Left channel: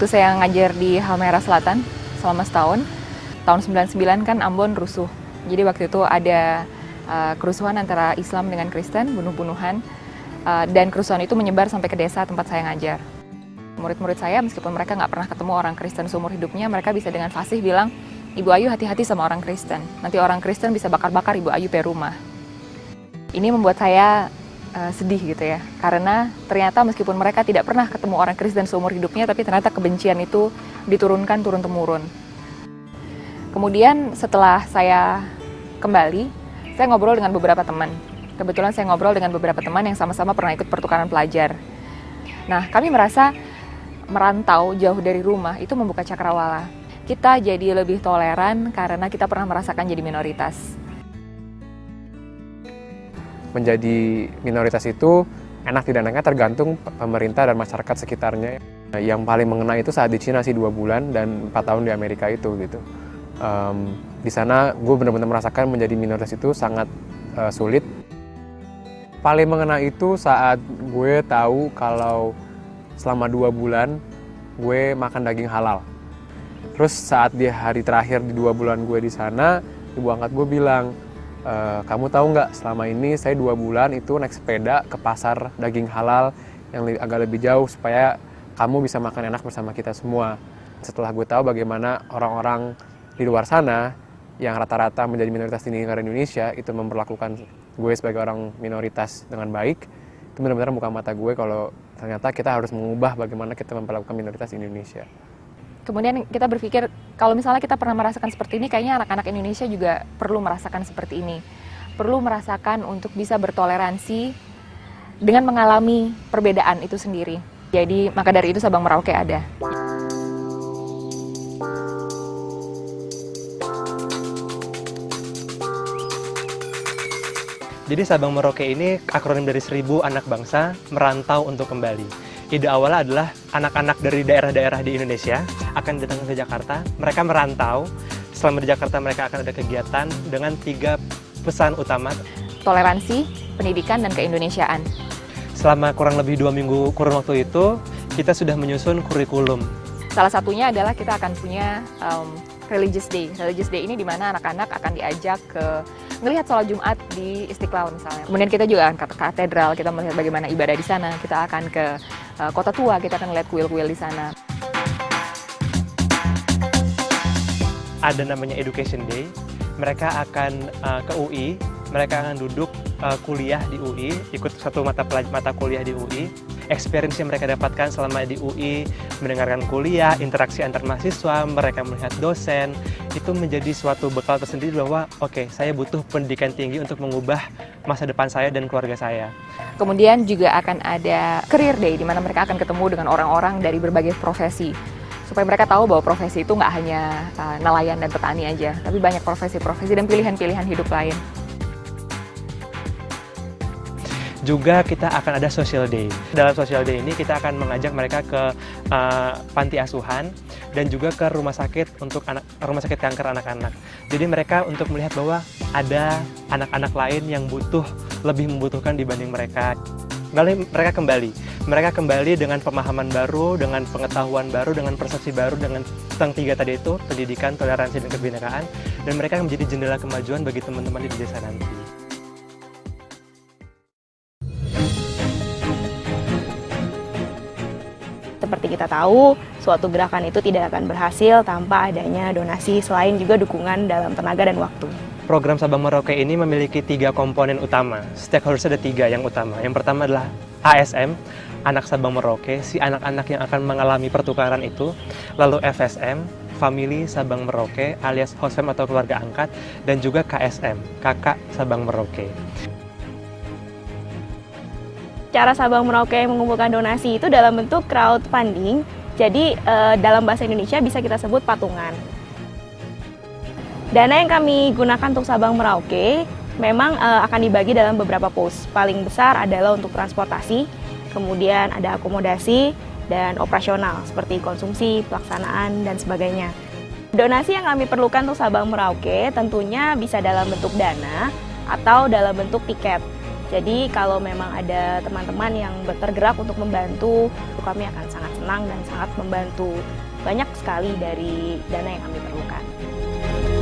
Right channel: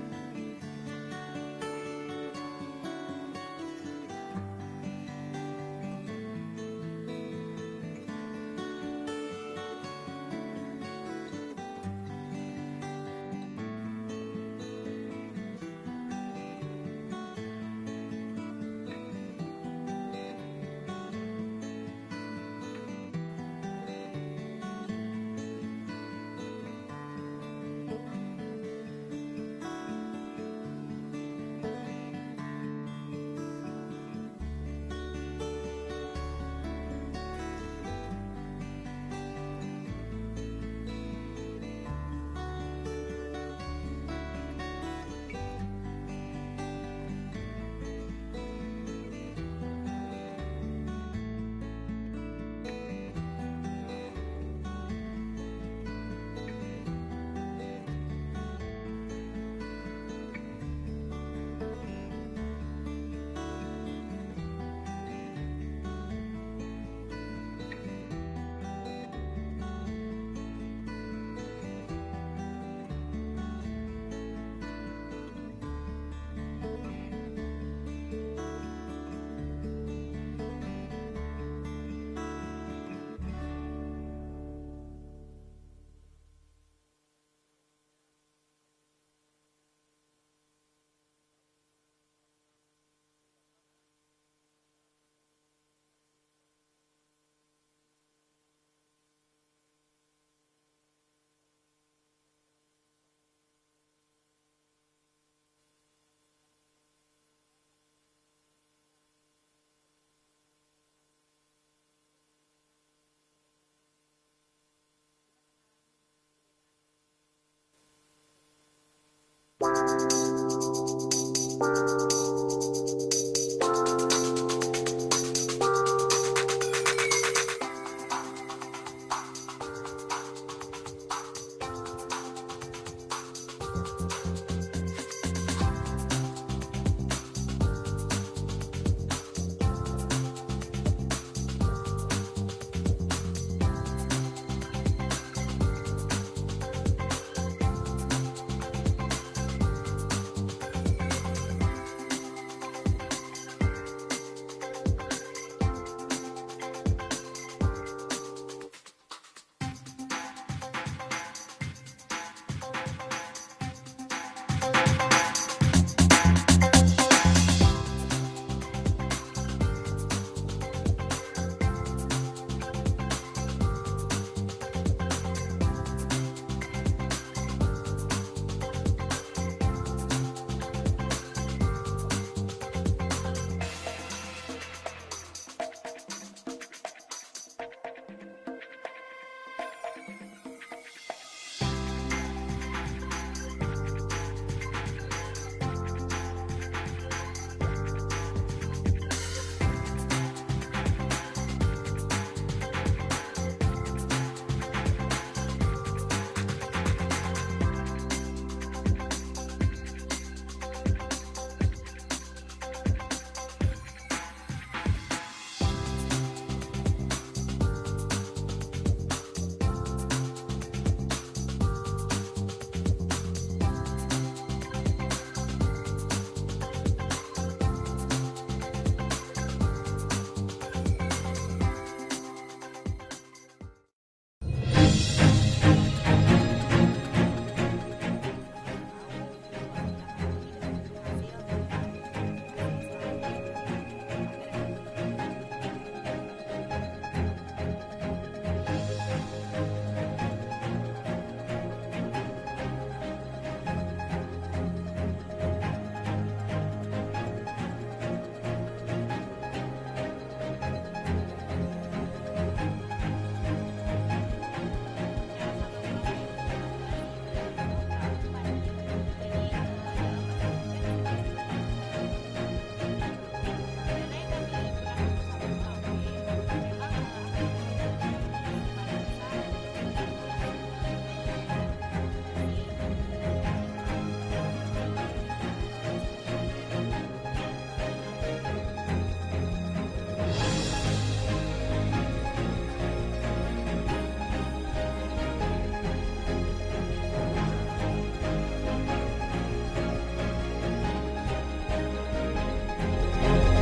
Waktu saya ngajar di Halmahera Selatan selama setahun, tahun 99 kan Ambon rusuh. Jadi waktu itu ada kerusuhan antara Islam dengan Kristen, bunuh-bunuhan, dan kerusuhan itu menyebar sampai ke desa tempat saya ngajar. Murid-murid saya, meskipun mereka nggak pernah ketemu orang Kristen seumur hidupnya, mereka bisa dengan fasih bilang, Ibu Ayu hati-hati sama orang Kristen, nanti orang Kristen bisa bakar-bakar Ibu Ayu pe rumah. Ini membuat saya sedih gitu ya, karena ternyata meskipun mereka tidak pernah ketemu orang Kristen seumur hidupnya, tapi ternyata kebencian itu diturunkan turun-temurun. Kemudian setelah saya kembali, saya ngobrol dengan beberapa teman. Kebetulan saya ngobrol dengan beberapa teman yang sama-sama pernah ikut pertukaran pelajar. Nah, kami merasa merantau jauh dari rumah itu membuka cakrawala. Kita jadi lebih toleran karena kita pernah merasakan jadi minoritas. Menjadi minoritas itu enak tidak enaknya tergantung pemerintah dan masyarakat sekitarnya. Yang paling mengena itu saat di Cina sih 2 bulan dan 4 tahun di Amerika itu gitu. Di sana gue benar-benar merasakan menjadi minoritas itu sangat sulit. Paling mengena itu saat gue tahu kalau selama 2 bulan gue makan daging halal. Terus saat di hari terakhir di 2 bulan gue di sana, ibu angkat gue bilang, kamu tahu nggak, selama ini saya 2 bulan itu naik sepeda ke pasar daging halal yang agak lebih jauh supaya kamu bisa makan enak bersama kita semua. Setelah gue tahu bagaimana orang-orang di luar sana yang rata-rata menjadi minoritas di negara Indonesia itu memperlakukan gue sebagai orang minoritas dengan baik, itu benar-benar buka mata gue kalau ternyata kita harus mengubah bagaimana kita memperlakukan minoritas di Indonesia. Kemudian kita berpikir, kalau misalnya kita pernah merasakan seperti ini, kayaknya anak-anak Indonesia juga perlu merasakan seperti ini. Perlu merasakan untuk bisa bertoleransi dengan mengalami perbedaan itu sendiri. Jadi, maka dari itu Sabang Merauke ada. Jadi Sabang Merauke ini akronim dari 1000 anak bangsa merantau untuk kembali. Ide awalnya adalah anak-anak dari daerah-daerah di Indonesia akan datang ke Jakarta. Mereka merantau, selama di Jakarta mereka akan ada kegiatan dengan 3 pesan utama. Toleransi, pendidikan, dan keindonesiaan. Selama kurang lebih 2 minggu kurun waktu itu, kita sudah menyusun kurikulum. Salah satunya adalah kita akan punya Religious Day. Religious Day ini di mana anak-anak akan diajak ke melihat sholat Jumat di Istiqlal misalnya. Kemudian kita juga akan ke katedral, kita melihat bagaimana ibadah di sana. Kita akan ke Kota Tua, kita akan melihat kuil-kuil di sana. Ada namanya Education Day. Mereka akan ke UI, mereka akan duduk kuliah di UI, ikut satu mata kuliah di UI. Experience yang mereka dapatkan selama di UI, mendengarkan kuliah, interaksi antar mahasiswa, mereka melihat dosen, itu menjadi suatu bekal tersendiri bahwa oke, saya butuh pendidikan tinggi untuk mengubah masa depan saya dan keluarga saya. Kemudian juga akan ada Career Day, di mana mereka akan ketemu dengan orang-orang dari berbagai profesi. Supaya mereka tahu bahwa profesi itu nggak hanya nelayan dan petani aja, tapi banyak profesi-profesi dan pilihan-pilihan hidup lain. Juga kita akan ada Social Day. Dalam Social Day ini kita akan mengajak mereka ke panti asuhan dan juga ke rumah sakit untuk rumah sakit kanker anak-anak. Jadi mereka untuk melihat bahwa ada anak-anak lain yang lebih membutuhkan dibanding mereka. Lalu mereka kembali dengan pemahaman baru, dengan pengetahuan baru, dengan persepsi baru, dengan tentang 3 tadi itu, pendidikan, toleransi, dan kebinekaan, dan mereka menjadi jendela kemajuan bagi teman-teman di desa nanti. Seperti kita tahu, suatu gerakan itu tidak akan berhasil tanpa adanya donasi, selain juga dukungan dalam tenaga dan waktu. Program Sabang Merauke ini memiliki 3 komponen utama. Stakeholders ada 3 yang utama. Yang pertama adalah ASM, Anak Sabang Merauke, si anak-anak yang akan mengalami pertukaran itu. Lalu FSM, Family Sabang Merauke, alias host fam atau keluarga angkat. Dan juga KSM, Kakak Sabang Merauke. Cara Sabang Merauke mengumpulkan donasi itu dalam bentuk crowdfunding, jadi dalam bahasa Indonesia bisa kita sebut patungan. Dana yang kami gunakan untuk Sabang Merauke memang akan dibagi dalam beberapa pos. Paling besar adalah untuk transportasi, kemudian ada akomodasi, dan operasional seperti konsumsi, pelaksanaan, dan sebagainya. Donasi yang kami perlukan untuk Sabang Merauke tentunya bisa dalam bentuk dana atau dalam bentuk tiket. Jadi kalau memang ada teman-teman yang bergerak untuk membantu, kami akan sangat senang dan sangat membantu banyak sekali dari dana yang kami temukan.